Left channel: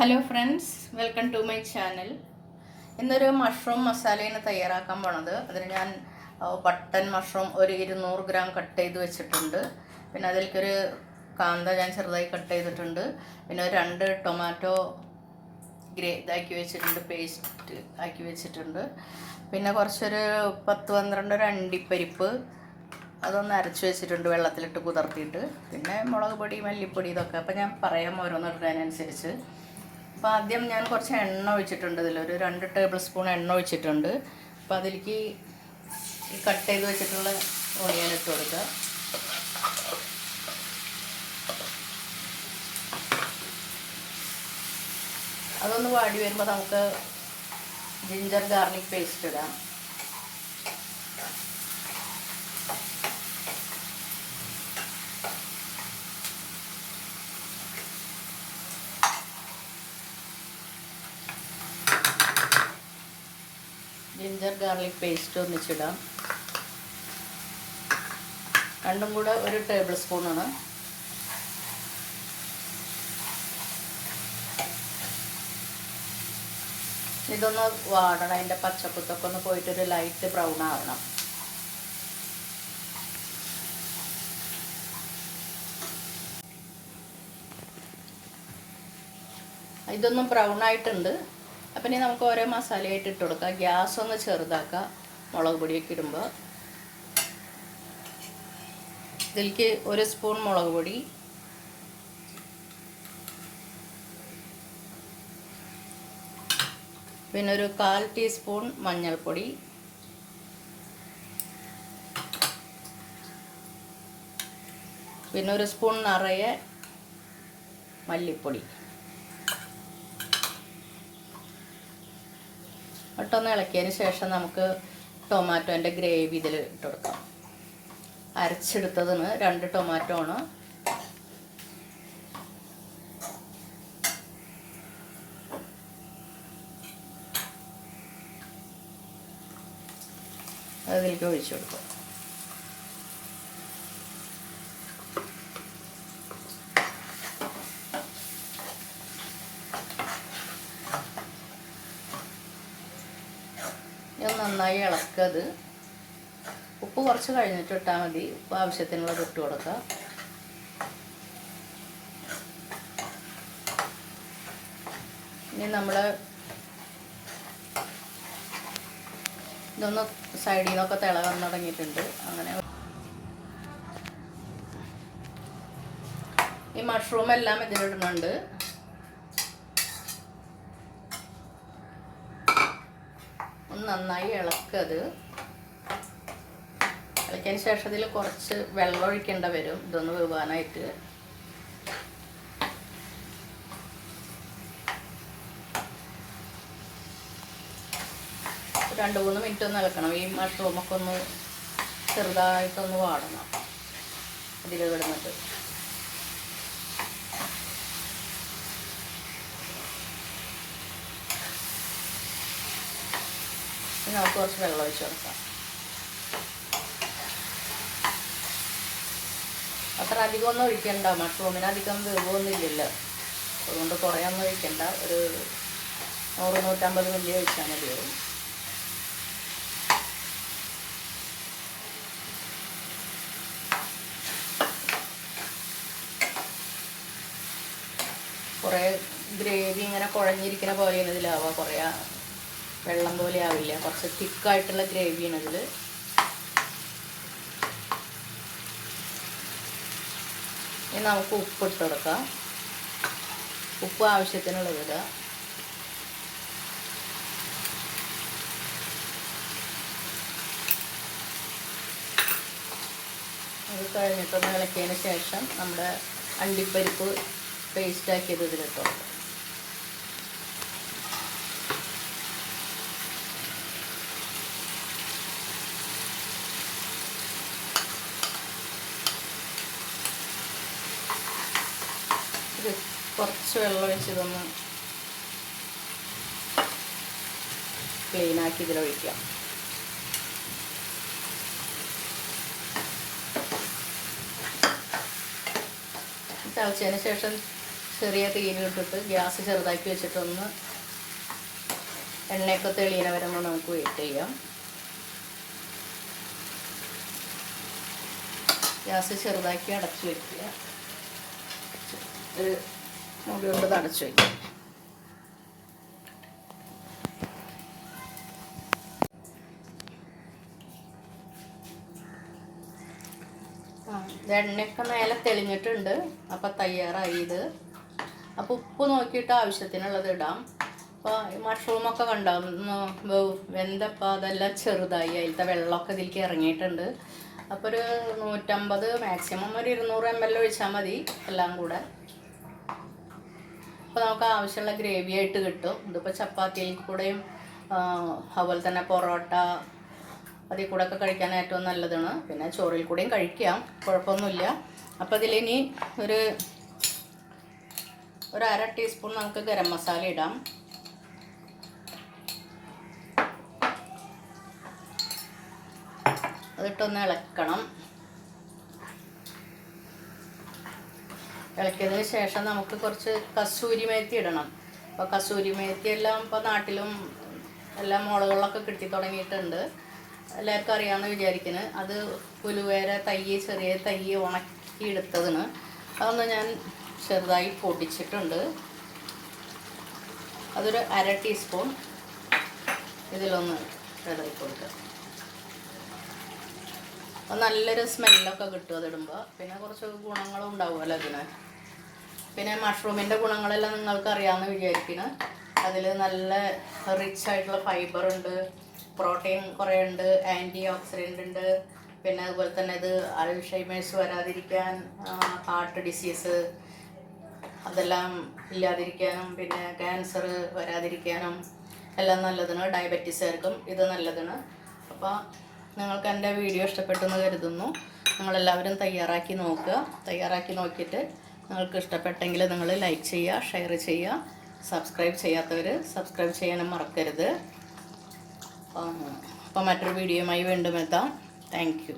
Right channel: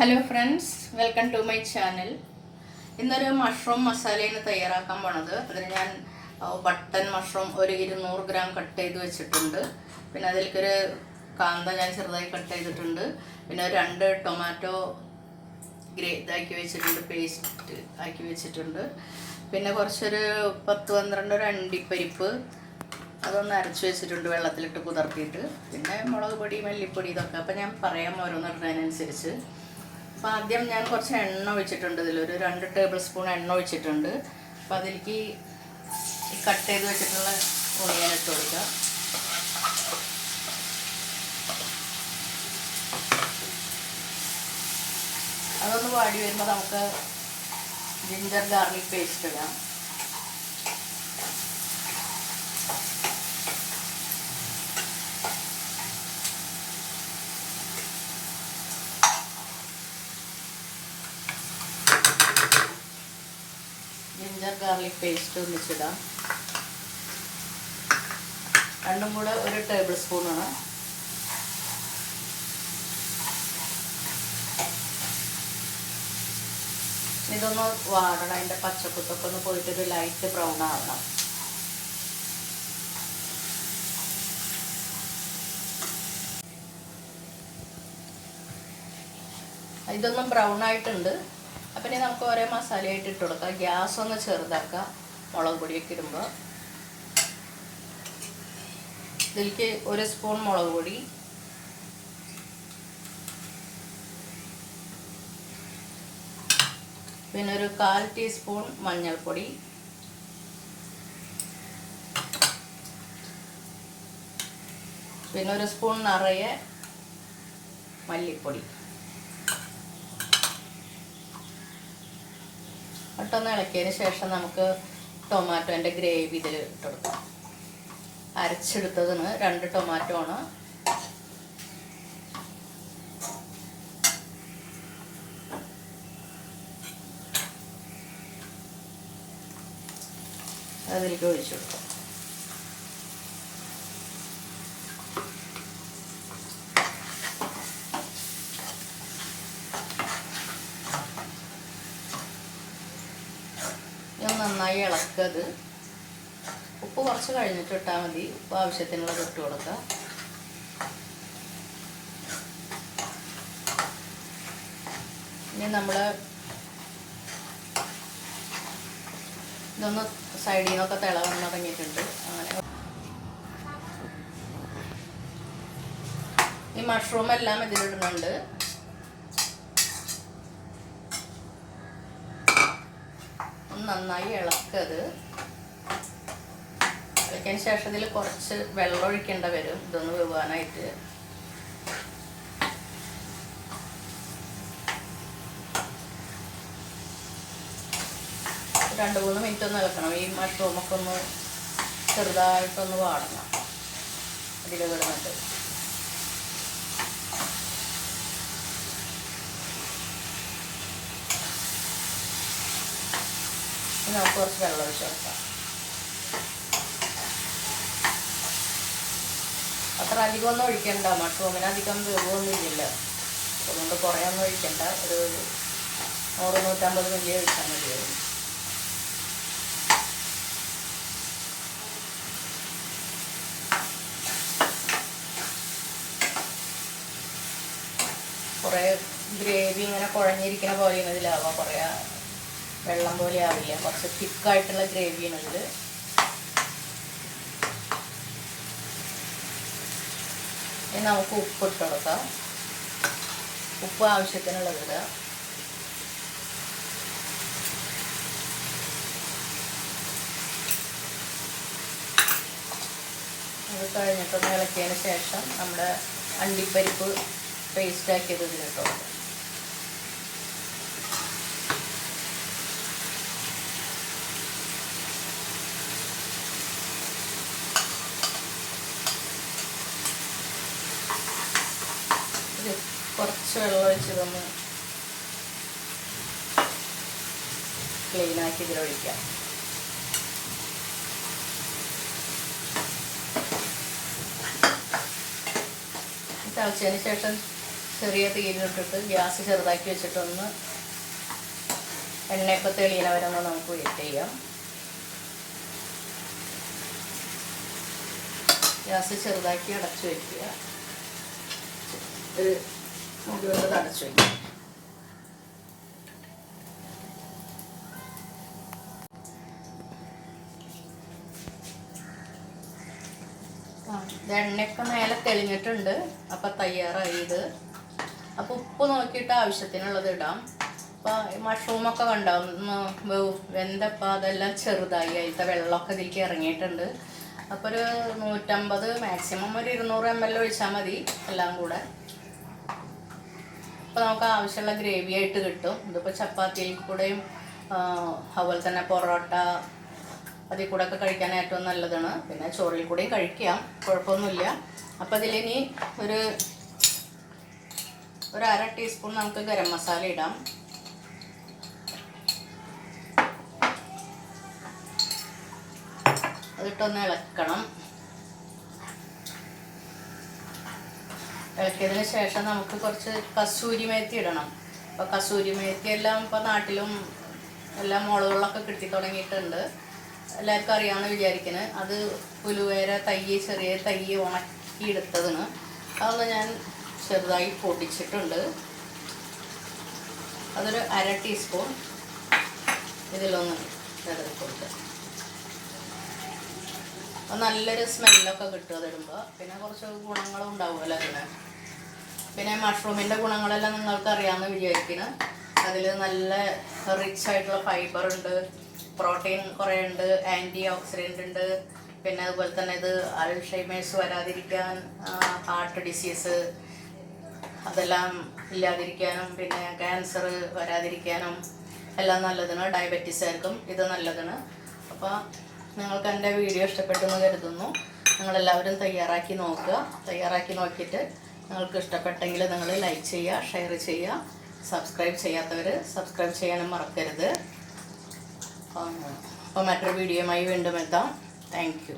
Hello friends, welcome to my channel. ഇന്നൊരു mushroom മസാലയാണ് തയ്യാറാക്കാൻ പോണത്. അതിന് ഞാൻ ബട്ടൺ മഷ്റൂം ഒരു 200 ഗ്രാം കട്ട് ചെയ്ത് വെച്ചിട്ടുണ്ട്. പിന്നെ അതിലേക്കൊരു കാന്ത ഞാൻ ചെറുതായി കട്ട് ചെയ്തിട്ടുണ്ട്. പിന്നെ ഒരു 2 ടൊമാറ്റോ ഇതാക്കി വെച്ചിട്ടുണ്ട്, പേസ്റ്റ് ആക്കി വെച്ചിട്ടുണ്ട്. പിന്നെ കുറച്ചൊരു 10-12 അണ്ടിപ്പരിപ്പ് അതൊന്ന് അരച്ച് വെച്ചിട്ടുണ്ട്, വെള്ളത്തിലിട്ട് കുതിർത്തിയിട്ട്. പിന്നെ മുളക് പൊടി, മല്ലിപ്പൊടി, ഇതൊക്കെ. അപ്പോൾ ഞാൻ പറയാം ഓരോന്നിടുന്നതിനനുസരിച്ച്. അപ്പോൾ ആദ്യം ഞാൻ കുറച്ച് എണ്ണ ഒഴിച്ചിട്ടുണ്ട്. ഇതിലൊരു 2 ടേബിൾ സ്പൂൺ എണ്ണ ഒഴിച്ചിട്ടുണ്ട്. അപ്പോൾ അതിലേക്ക് ഈ കട്ട് ചെയ്ത് വെച്ചിട്ടുള്ള ഓണിയൻ ഇട്ട് കൊടുക്കുക. അതൊന്ന് വാടി വരുമ്പോൾ നമുക്ക് ജിഞ്ചർ ഗാർലിക് പേസ്റ്റ് ഇടാം. ജിഞ്ചർ ഗാർലിക് പേസ്റ്റ് ഒന്നിച്ചിടാം. രണ്ടും കൂടെ ഒരു ടേബിൾ സ്പൂണാണ്. ഇതൊന്ന് വാടണം, അതിൻ്റെ പച്ചക്കുത്തൊക്കെ ഒന്ന് പോയിട്ടൊരു ലൈറ്റ് ബ്രൗൺ ആവണം. ഇതൊന്നും ബ്രൗൺ ആയിട്ടുണ്ട്. അപ്പം ഇനി നമുക്ക് ഓരോ മസാലയായിട്ട് ഇട്ട് കൊടുക്കാം. ഗ്യാസ് ഒന്ന് ചെറുതാക്കുക മുളക് പൊടിയൊക്കെ ഇടുമ്പോൾ. ഇതിലേക്ക് 1 സ്പൂൺ മുളക് പൊടി, പിന്നെ ഒരു 1/4 ടീസ്പൂൺ മഞ്ഞൾപ്പൊടി, പിന്നെ 1 സ്പൂൺ നിറയെ മല്ലിപ്പൊടി. ഇട്ടൊന്ന് ഇളക്കിയതിന് ശേഷം നമുക്ക് ടൊമാറ്റോൻ്റെ ഗ്രേവി ഇതിൽ ഇട്ട് കൊടുക്കാം. അരച്ചെടുത്തതിന് 2 ടൊമാറ്റോ ആണ്. അതിലേക്ക് ഒഴിച്ചു കൊടുക്കാം. നന്നായി ഇളക്കത്. ഉപ്പ് കുറച്ച് കഴിഞ്ഞിട്ട് ഇട്ടാൽ മതി. ഉപ്പ് ആവശ്യത്തിനുള്ളത് ഇട്ട് കൊടുക്കുക. ഇനി നമ്മൾ ഇതൊന്ന് സൈഡിൽ നിന്നൊക്കെ തിളവൻ തുടങ്ങിയിട്ടുണ്ട്. അങ്ങനെ ഈ മഷ്റൂം എല്ലാം ഇതിലിടുന്നുണ്ട്. നന്നായി ഇളക്കത്. ഇളക്കിയതിന് ശേഷം ഇതിൽ കുറച്ച് വെള്ളം ഒഴിക്കേണ്ടി വരും, ഇതൊന്ന് വേവാനായിട്ട്. രണ്ട് 3 മിനിറ്റ് ഒന്ന് ഇളക്കണം. ഈ മഷ്റൂമൊക്കെ ഒന്ന് ചെറുതായിട്ടൊന്ന് വാടണം ഇതിൽ കിടന്നിട്ട്. നമുക്ക് കുറച്ച് വെള്ളം ഒഴിച്ച് കൊടുക്കാം. അത്ര അധികം ഒന്നും ഒഴിക്കണ്ട, മഷ്റൂമിന് അധികം വേവൊന്നും ഇല്ലല്ലോ. അതുകൊണ്ട് കുറേ ഒന്നും ഒഴിക്കണ്ട. ഒരു 100-150 മില്ലി ഒഴിച്ചാൽ മതി വരും. കുറേ ഗ്രേവി ഇങ്ങനെ കുഴഞ്ഞിരിക്കുന്ന പോലെയാണ് ഇതിലാവുക. കുറേ വെള്ളം പോലെ ആവില്ല, കുറച്ച് തിക്കായിട്ടുള്ള ഗ്രേവിയാണ് ഇതിൽ. ഇനി നമുക്ക് ഉപ്പ് ഇട്ട് കൊടുക്കാം. ഉപ്പ് ആവശ്യത്തിനുള്ളത് ഇടുക. അത് കഴിഞ്ഞിട്ടൊന്ന് ഇളക്കിയതിന് ശേഷം നമ്മുടെ അണ്ടിപ്പരിപ്പ് പേസ്റ്റ് ആക്കിയത് ഇതിലിട്ട് കൊടുക്കാം. കുറച്ച് വെള്ളം ഒഴിച്ചതൊന്ന് ക്ലീനാക്കി ഇതിലൊഴിക്കാം. തിളച്ചതിന് ശേഷം ചെറിയ തീയിലിട്ടിട്ട് ഗ്യാസ് ചെറുതാക്കി വെച്ചിട്ടൊന്ന് എണ്ണയൊക്കെ തെളിയണ വരെ ഒന്ന് നമുക്ക് വെയിറ്റ് ചെയ്യാം. ഗ്യാസ് ചെറുതാക്കി അടച്ചു വയ്ക്കുക. ഒരു മുടി കൊണ്ട് അടച്ചു വയ്ക്കുക. എണ്ണയൊക്കെ മേലെ തെളിഞ്ഞിട്ടുണ്ട്. അപ്പം തയ്യാറായി ഇത്. അപ്പോൾ ഉപ്പ് നോക്കിയിട്ട് ആവശ്യത്തിനുള്ളത് ഇടാം. അപ്പോൾ ഈ മഷ്റൂമൊക്കെ കണ്ടാവും വെന്തപ്പോൾ അതെല്ലാം ചെറുതായി, അതിലത്തെ വെള്ളമൊക്കെ ഇതിലേക്ക് ഇറങ്ങിയിട്ടുണ്ട്. അപ്പോൾ ഒരു 150 മാക്സിമം ഒരു 200 ml ഒഴിച്ചാൽ മതി എല്ലാം കൂടെ. അപ്പോൾ നമുക്ക് ആവശ്യമുള്ള ഗ്രേവി ആയിട്ട് കിട്ടും. ഇതിപ്പോൾ ചപ്പാത്തിയിൽ കൂടെയും അതുപോലെ തന്നെ പൊറോട്ട അതിൽ കൂടെ ഒക്കെ കഴിക്കാൻ ഏറ്റവും നല്ലതാണ്. പിന്നെ ചോറിൽ കൂടെയും കഴിക്കാം, കുഴപ്പമൊന്നുമില്ല. അപ്പോൾ ഇതിലിനി ഒരു 1/2 ടീസ്പൂൺ നമുക്ക് ഗരം മസാല ഇടാം. അതിട്ടൊന്ന് ഇളക്കണം. ഇളക്കിയതിന് ശേഷം നമുക്ക് കുറച്ച് കസൂരി മേത്തി ഇടണം. അപ്പോൾ കസൂരി മേത്തി എല്ലാം ഇപ്പോൾ നാട്ടിലും എല്ലാ മോളുകളിലൊക്കെ കിട്ടി തുടങ്ങിയിട്ടുണ്ട്. എല്ലാവർക്കും അറിയാമെന്ന് വിചാരിക്കുന്നത്. അത് പുലുവേര ചെറിയ തൈ ഉണക്കി എടുത്തതിന് അതൊന്ന് ഞാൻ ചെറുതായി പൊടിച്ചിട്ടുണ്ട്. അതൊരു 1/2 ടീസ്പൂൺ ഇതിലൊന്ന് ചെറുതായി കൊടുത്ത്. അപ്പോൾ നല്ലൊരു സ്മെല്ലൊക്കെ കിട്ടും അതിടുമ്പോൾ. പിന്നെ കുറച്ച് ഗുണങ്ങളും ഉണ്ടാവുമല്ലോ അതിന്. പിന്നെ മഷ്റൂമിൻ്റെ ഗുണങ്ങളെല്ലാം നിങ്ങൾക്ക് അറിയാമെന്ന് വിചാരിക്കുന്നത്. അതിൽ നല്ല റിച്ച് ആയിട്ടുള്ള ഫൈബർ ഉണ്ട്, പ്രോട്ടീൻ കുറേ ഉണ്ട്, ആൻറ്റി ഓക്സിഡൻ്റ് ഉണ്ട്. പിന്നെ അതുപോലെ തന്നെ ഇത് അൾഷൈമേഴ്സ് വരാതിരിക്കാൻ, ഹാർട്ട് ഡിസീസ് അതെല്ലാം ഇല്ലാതിരിക്കാനും, പിന്നെ ക്യാൻസർ വരാതിരിക്കാനും എല്ലാം നല്ലതാണ്. ഡയബറ്റീസുകാർക്കും ഇത് നല്ലതാണ്. അപ്പോൾ നിങ്ങൾക്ക് എൻ്റെ വീഡിയോ ഇഷ്ടപ്പെട്ടു എന്ന് കരുതുന്നു. നിങ്ങളെല്ലാവരും തയ്യാറാക്കി നോക്കുക. തയ്യാറാക്കി നോക്കിയിട്ട് നിങ്ങൾക്ക് ഇഷ്ടപ്പെട്ടെങ്കിൽ നിങ്ങൾ ലൈക്ക് ചെയ്യുക, ഷെയർ ചെയ്യുക. സബ്സ്ക്രൈബ് ചെയ്യാത്തവർ സബ്സ്ക്രൈബ് ചെയ്യാനും മറക്കരുത്. അപ്പോൾ മറ്റൊരു വീഡിയോയുമായി വീണ്ടും എത്താം. Thank you.